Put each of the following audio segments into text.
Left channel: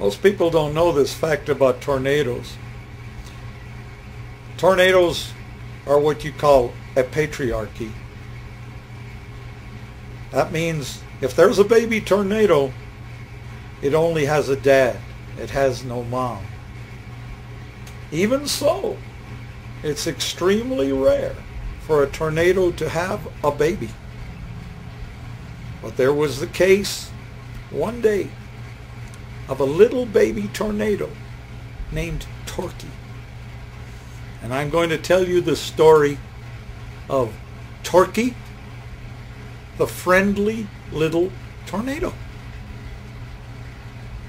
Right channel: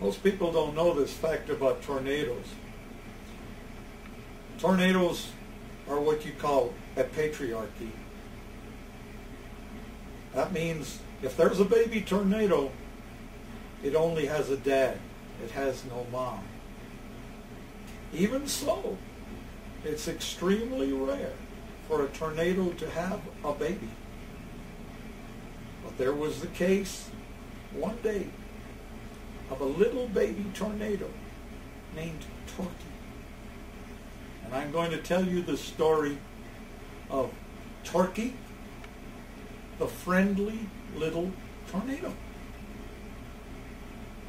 Most people don't know this fact about tornadoes. Tornadoes are what you call a patriarchy. That means if there's a baby tornado, it only has a dad. It has no mom. Even so, it's extremely rare for a tornado to have a baby. But there was the case one day of a little baby tornado named Torquey. And I'm going to tell you the story of Torquey, the friendly little tornado.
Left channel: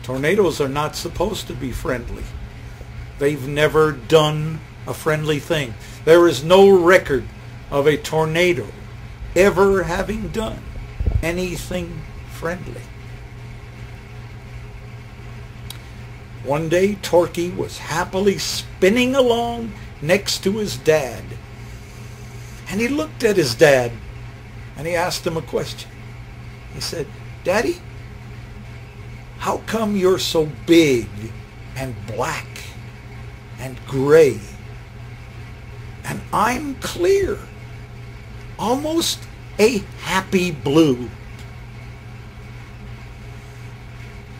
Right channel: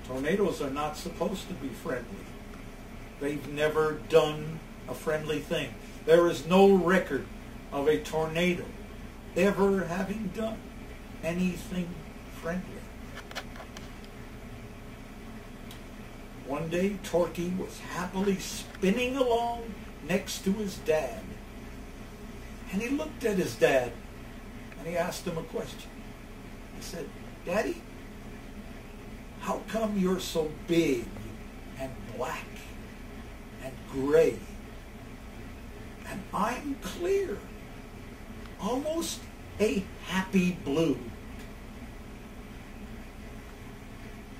Tornadoes are not supposed to be friendly. They've never done a friendly thing. There is no record of a tornado ever having done anything friendly. One day, Torquey was happily spinning along next to his dad. And he looked at his dad and he asked him a question. He said, "Daddy, how come you're so big and black and gray? And I'm clear, almost a happy blue."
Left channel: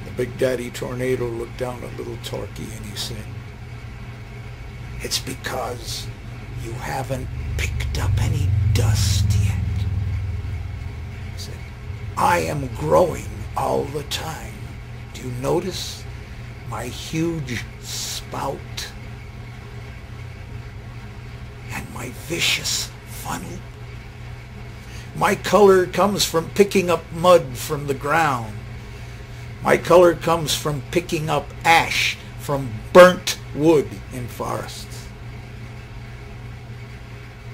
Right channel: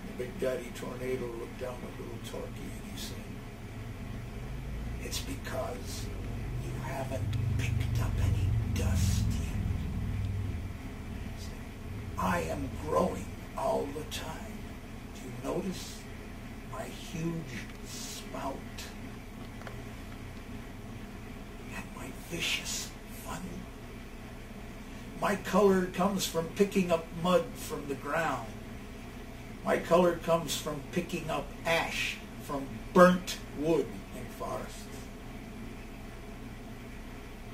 The Big Daddy Tornado looked down at little Torquey and he said, "It's because you haven't picked up any dust yet." He said, "I am growing all the time. Do you notice my huge spout and my vicious funnel? My color comes from picking up mud from the ground. My color comes from picking up ash from burnt wood in forests.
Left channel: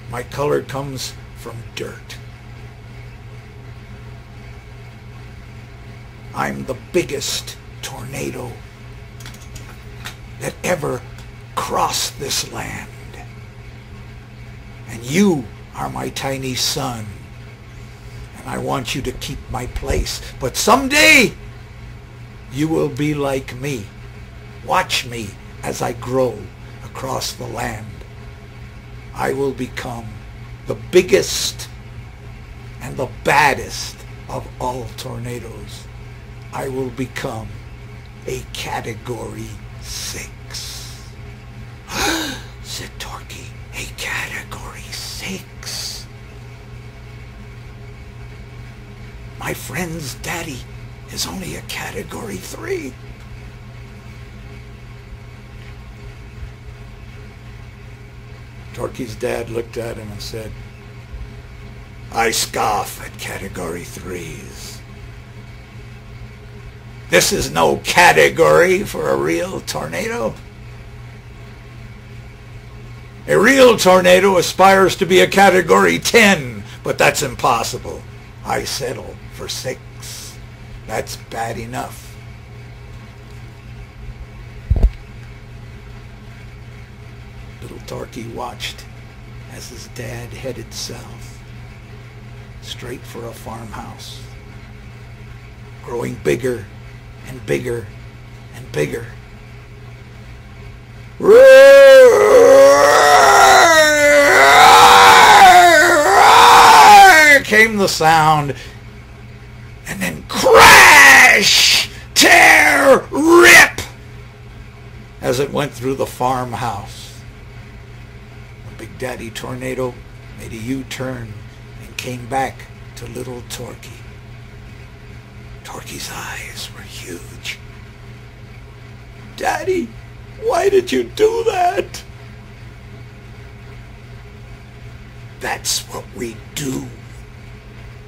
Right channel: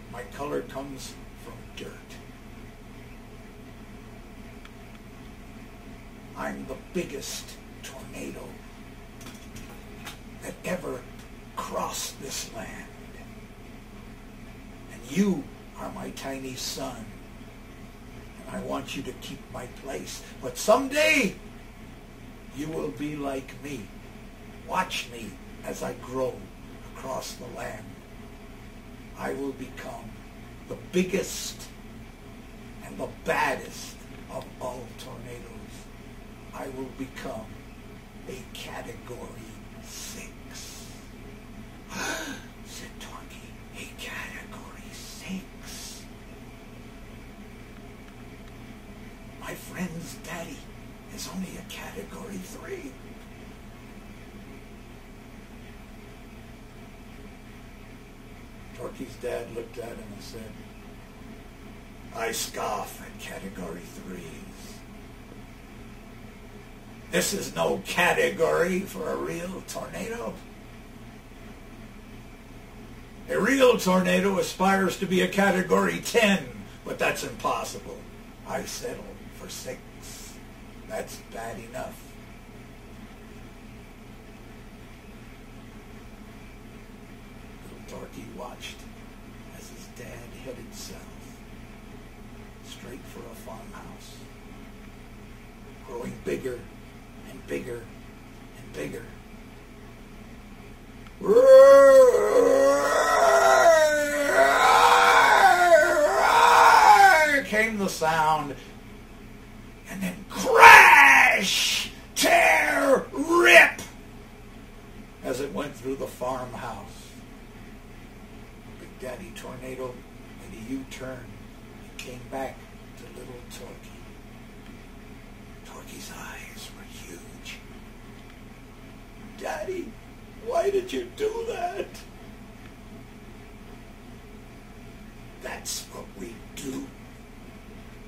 My color comes from dirt. I'm the biggest tornado that ever crossed this land. And you are my tiny son. And I want you to keep my place. But someday you will be like me. Watch me as I grow across the land. I will become the biggest and the baddest of all tornadoes. I will become a Category 6. Said Torquey, "A Category 6? My friend's daddy is only a Category 3. Torquey's dad looked at him and said, "I scoff at Category 3s. This is no category for a real tornado. A real tornado aspires to be a Category 10, but that's impossible. I settle for 6. That's bad enough." Little Torquey watched as his dad headed south, straight for a farmhouse, growing bigger and bigger and bigger. Came the sound, and then crash, tear, rip, as it went through the farmhouse. The Big Daddy Tornado made a U-turn and came back to little Torquey. Torquey's eyes were huge. "Daddy, why did you do that?" "That's what we do,"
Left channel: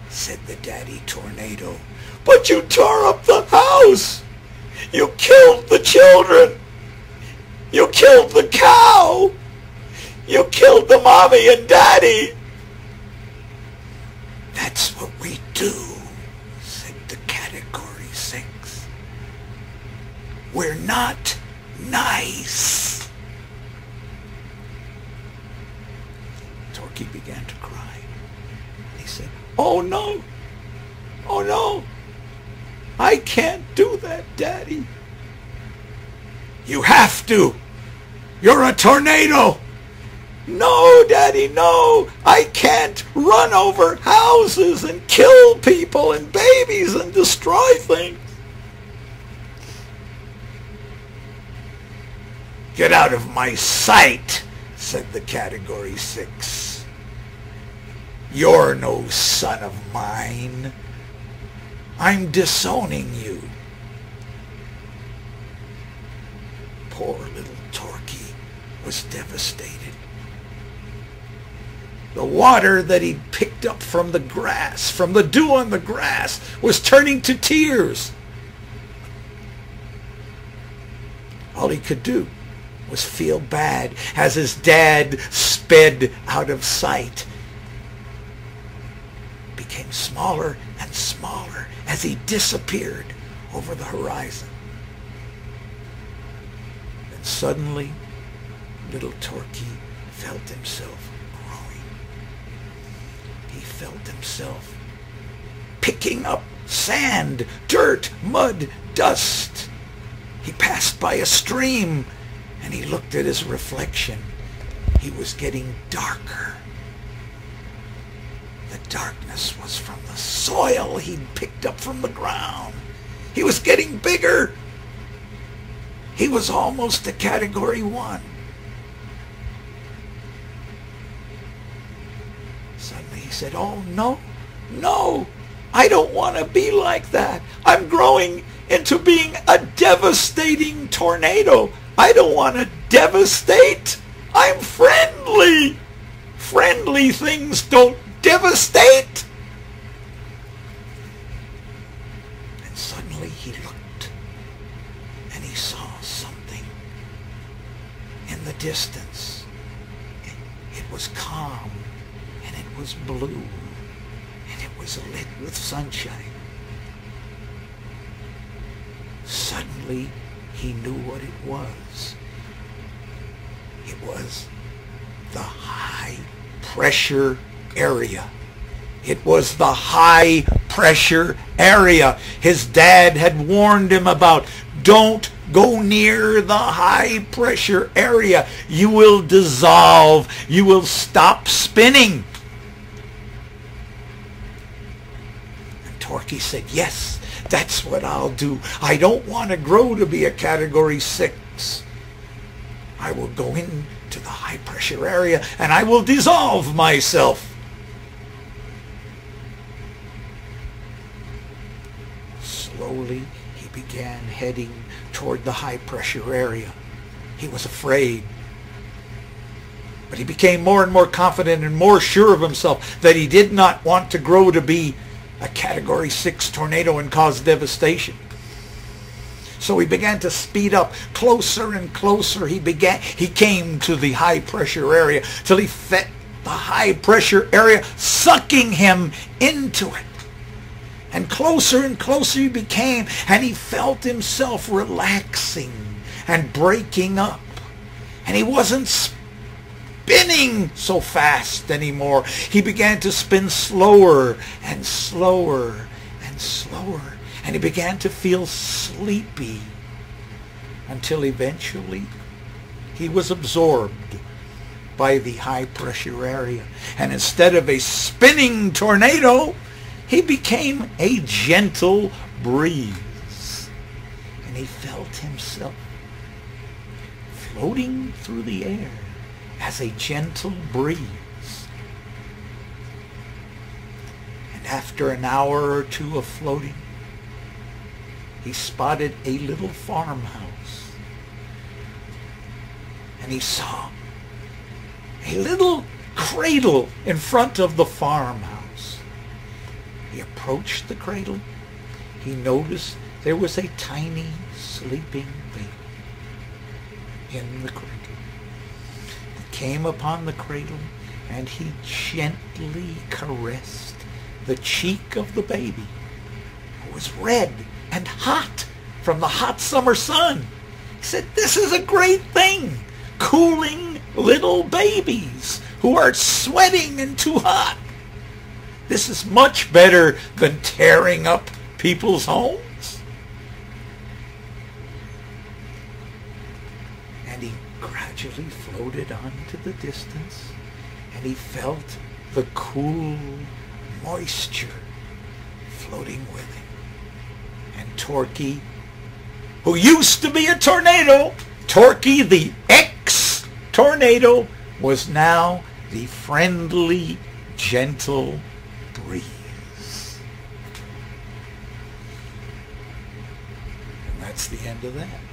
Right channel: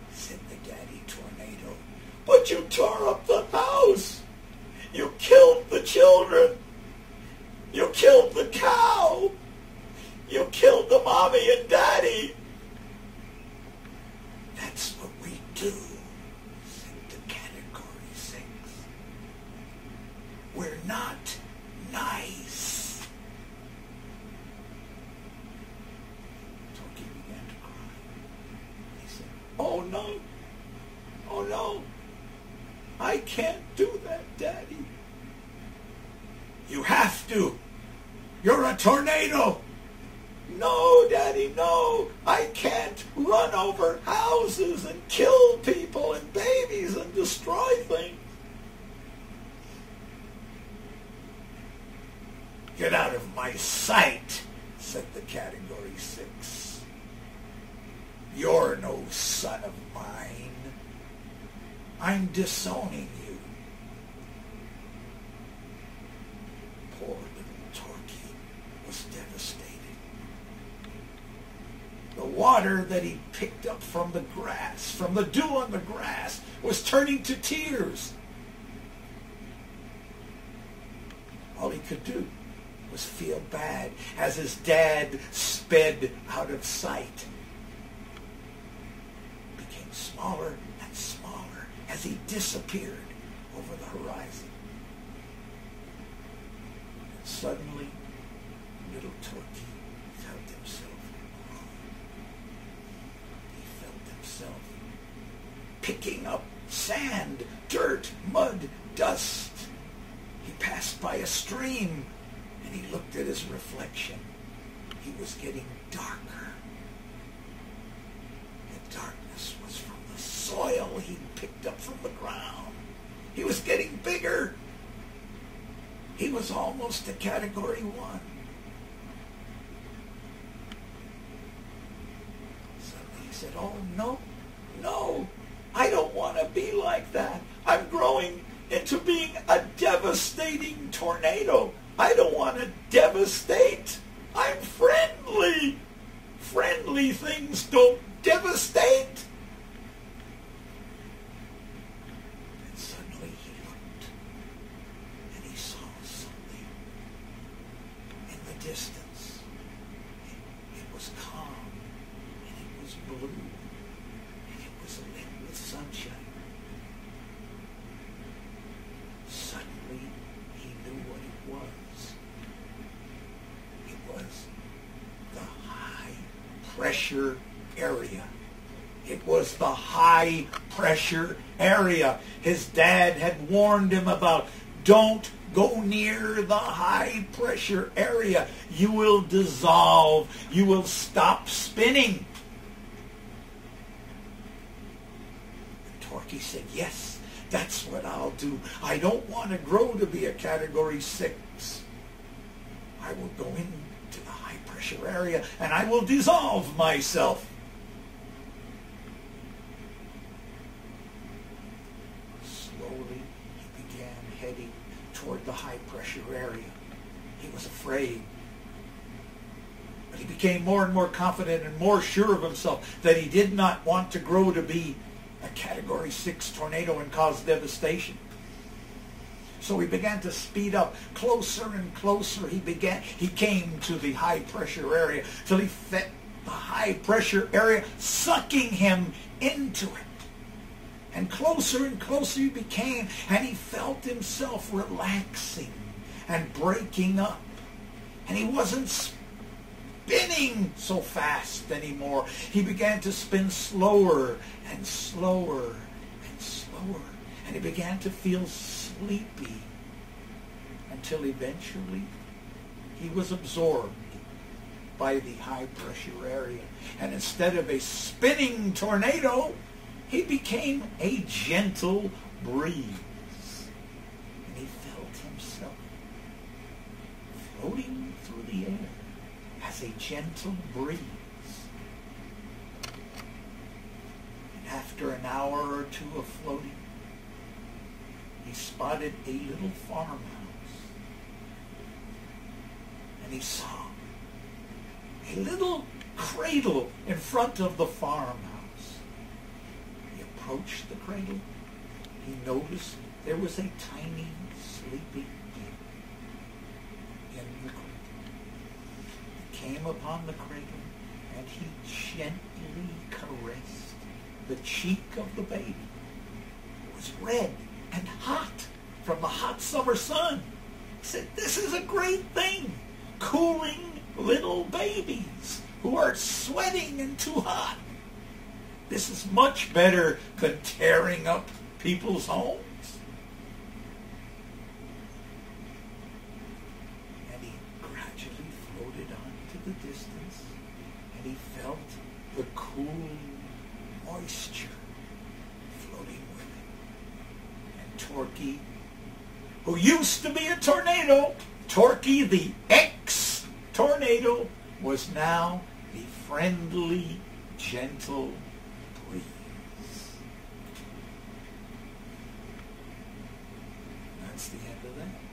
said the Daddy Tornado. "But you tore up the house. You killed the children. You killed the cow. You killed the mommy and daddy." "That's what we do," said the Category 6. "We're not nice." Torquey began to cry. He said, "Oh no, oh no, I can't do that, Daddy. You have to. You're a tornado. No, Daddy, no. I can't run over houses and kill people and babies and destroy things. Get out of my sight, said the Category 6. You're no son of mine. I'm disowning you. Poor little Torquey was devastated. The water that he'd picked up from the grass, from the dew on the grass, was turning to tears. All he could do was feel bad as his dad sped out of sight. Became smaller and smaller as he disappeared over the horizon. And suddenly, little Torquey felt himself growing. He felt himself picking up sand, dirt, mud, dust. He passed by a stream and he looked at his reflection. He was getting darker. The darkness was from the soil he'd picked up from the ground. He was getting bigger. He was almost a Category 1. Suddenly he said, "Oh, no, no, I don't want to be like that. I'm growing into being a devastating tornado. I don't want to devastate. I'm friendly. Friendly things don't devastate." And suddenly he looked and he saw something in the distance. It was calm and it was blue and it was lit with sunshine. Suddenly he knew what it was. It was the high pressure area. It was the high pressure area his dad had warned him about. Don't go near the high pressure area. You will dissolve. You will stop spinning. And Torquey said, "Yes, that's what I'll do. I don't want to grow to be a Category 6. I will go into the high pressure area and I will dissolve myself." Slowly he began heading toward the high pressure area. He was afraid, but he became more and more confident and more sure of himself that he did not want to grow to be a Category 6 tornado and cause devastation. So he began to speed up closer and closer. He came to the high pressure area till he felt the high pressure area sucking him into it. And closer he became, and he felt himself relaxing and breaking up. And he wasn't spinning so fast anymore. He began to spin slower and slower and slower. And he began to feel sleepy until eventually he was absorbed by the high pressure area. And instead of a spinning tornado, he became a gentle breeze. And he felt himself floating through the air as a gentle breeze. And after an hour or two of floating, he spotted a little farmhouse. And he saw a little cradle in front of the farmhouse. He approached the cradle. He noticed there was a tiny sleeping baby in the cradle. He came upon the cradle and he gently caressed the cheek of the baby, who was red and hot from the hot summer sun. He said, "This is a great thing, cooling little babies who are sweating and too hot. This is much better than tearing up people's homes." And he gradually floated on to the distance, and he felt the cool moisture floating with him. And Torquey, who used to be a tornado, Torquey the ex-tornado, was now the friendly, gentle breeze. And that's the end of that.